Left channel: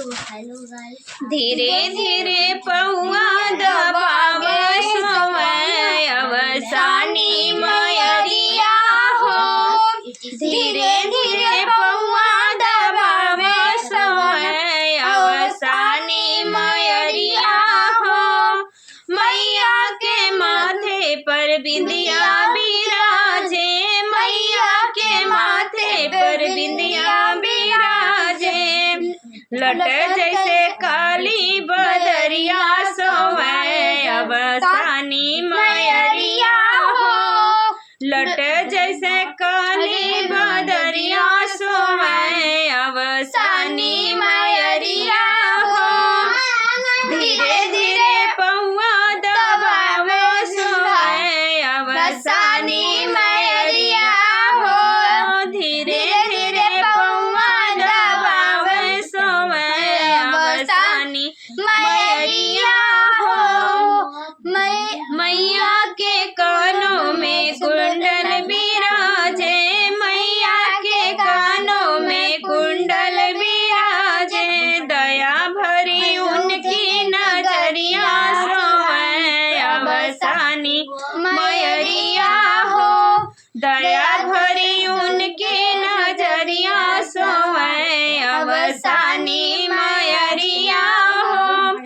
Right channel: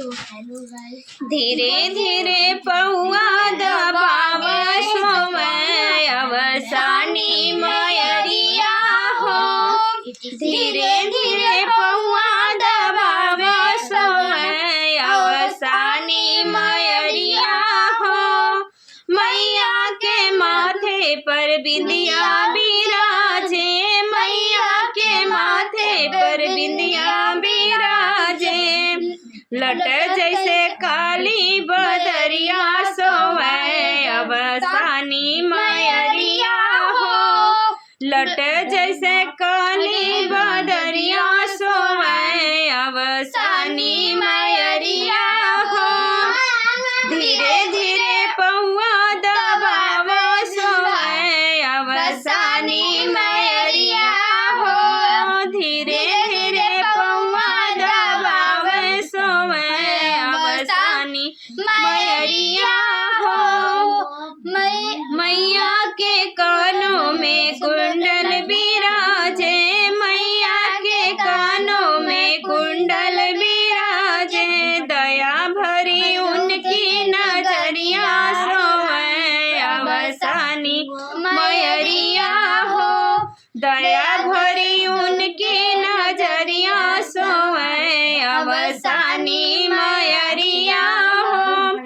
तो hello guys, धीरे धीरे पौआ दबाव समय अवसानी मयरिया हो। धीरे धीरे पौआ दबाव समय अवसानी मयरिया हो। मैया के माथे पर बिंदिया बिराजे, मैया के माथे पर बिंदिया बिराजे। लट जैसे काली बदरिया सोवे अवसानी मयरिया हो। लट जैसे काली बदरिया सोवे अवसानी मयरिया हो। धीरे धीरे पौआ दबाव सोवे अवसानी मयरिया हो। धीरे धीरे पौआ दबाव सोवे अवसानी मयरिया हो। मैया के कानों में कुंडल बिराजे, मैया के कानों में कुंडल बिराजे। दया भरी उनकी नजरिया सोवे अवसानी मयरिया हो। दया भरी उनकी नजरिया सोवे अवसानी मयरिया हो।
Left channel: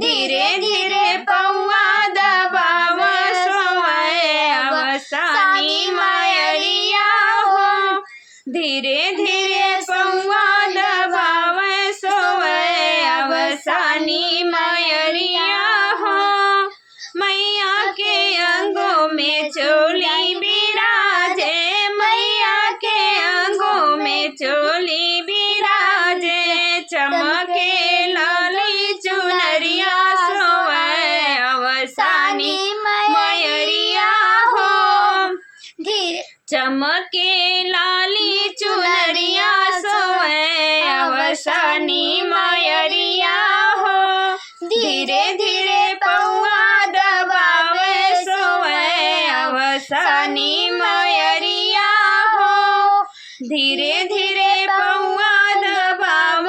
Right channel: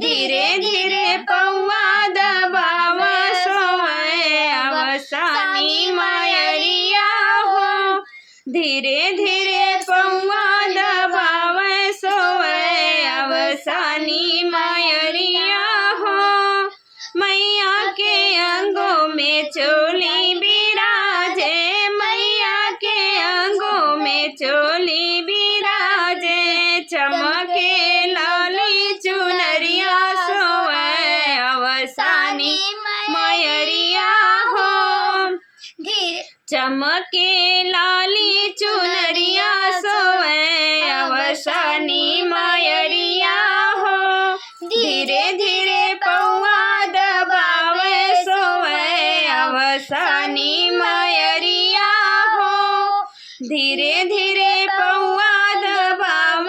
धीरे धीरे पौआ दबाव सोवे अवसानी मयरिया हो। धीरे धीरे पौआ दबाव सोवे अवसानी मयरिया हो। मैया के अंगों में चोली बिराजे, मैया के अंगों में चोली बिराजे। चमके लाली चुनरिया सोवे अवसानी मयरिया हो। चमके लाली चुनरिया सोवे अवसानी मयरिया हो। धीरे धीरे पौआ दबाव सोवे अवसानी मयरिया हो। धीरे धीरे पौआ दबाव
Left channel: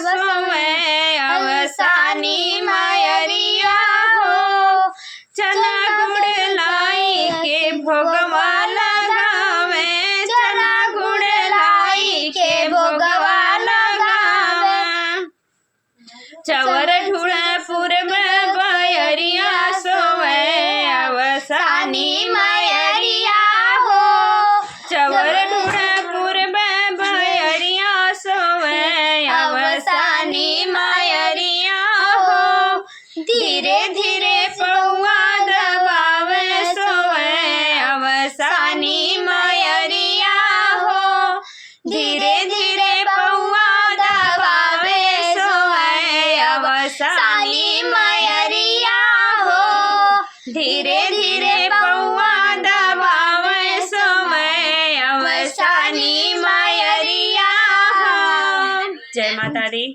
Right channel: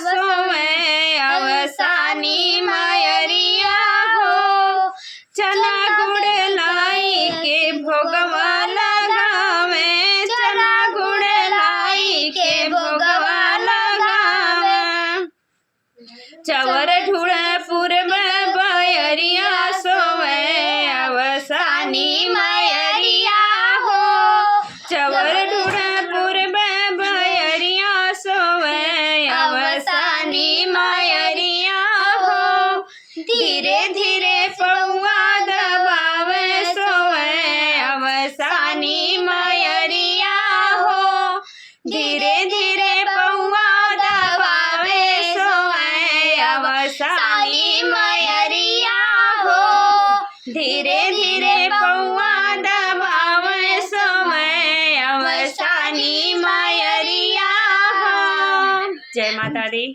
सोवे अवसानी मयरिया हो। चना गुड़ लाई के भोगवा लगावे, चना गुड़ लाई के भोगवा लगावे। चवर ढूढ़पुर में बयरिया सोवे अवसानी मयरिया हो। चवर ढूढ़पुर में बयरिया सोवे अवसानी मयरिया हो। धीरे धीरे पौआ दबाव सोवे अवसानी मयरिया हो। धीरे धीरे पौआ दबाव सोवे अवसानी मयरिया हो। धीरे धीरे पौआ दबाव सोवे अवसानी मयरिया हो। जय माता दी।